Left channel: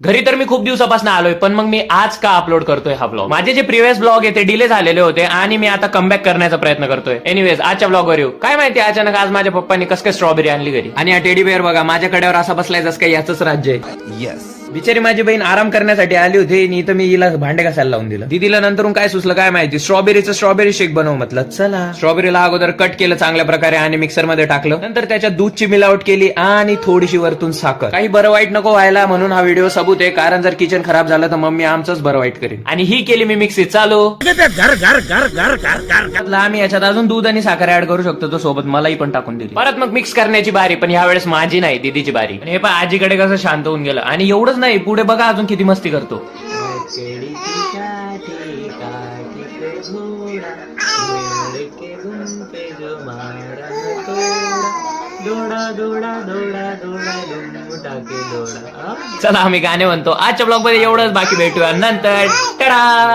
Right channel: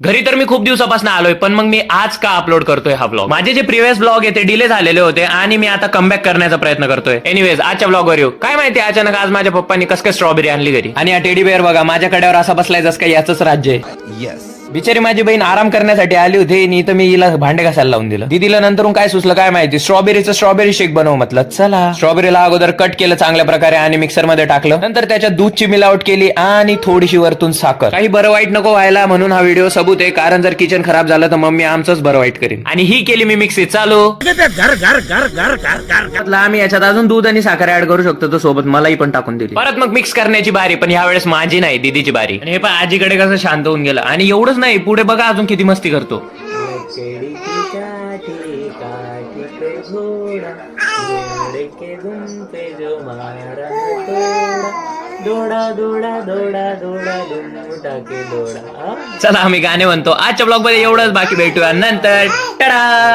घरी तर मी खूप दिवसापासून आलोय, पण मग मी आज का अपलोड करतोय हा ब्लॉग. माझे जे प्रिव्हियस ब्लॉग आहे ते डिले झालेले होते आणि मी आता कमबॅक करण्याचा प्रयत्न करतोय. एनिवेज आजच्या ब्लॉगवर येऊ. काय माहिती अचानक आज माझ्या पप्पांनी कसं काय स्ट्रॉबेरी आणली घरी, आणि हा टेडी बेअर बघा माझ्या कड्यावर असा बसलाय जसं काय याच राज्य आहे. येस. बिचारी माझी बहीण आराम करण्यासाठी आली होती आणि तर मी हिला भांडे घासायला लावून दिलं. दीदीला नंतरून काय सुचलं काय माहिती, स्ट्रॉबेरीचं स्ट्रॉबेरी शेक बनव म्हटलं. चला स्ट्रॉबेरीला अगोदर कट केलं चांगल्या प्रकारे आणि मिक्सर मध्ये टाकलं. नंतर त्याच्यात दूधची मिलावट केली आणि थोडीशी वरतून साखर. काही बरं वाईट नको व्हायला म्हणून हा व्हिडिओ सबूत आहे, कारण जर किचन खराब झालं तर मम्मी आमचंच बरं वाईट करेन. आणि ही केली मी मिक्सी चालू. आम्ही याच्यात अजून दूध आणि साखर ऍड करू शकतो, तो सोबत मलाही पण टाकून दिली. परत मग मिक्स करण्याची बारी, पण यावेळेस माझी नाही दीदीची बारी. आणि हे पण आजीकडे कसं शांत होऊन गेलं. आणि एवढंच नाही, पुढे बघा अजून किती मस्ती करतो. चला आम्ही गाणे म्हणतो. आजच्या ब्लॉग मध्ये एवढंच, बाकी भेटूया नंतर. टाटा.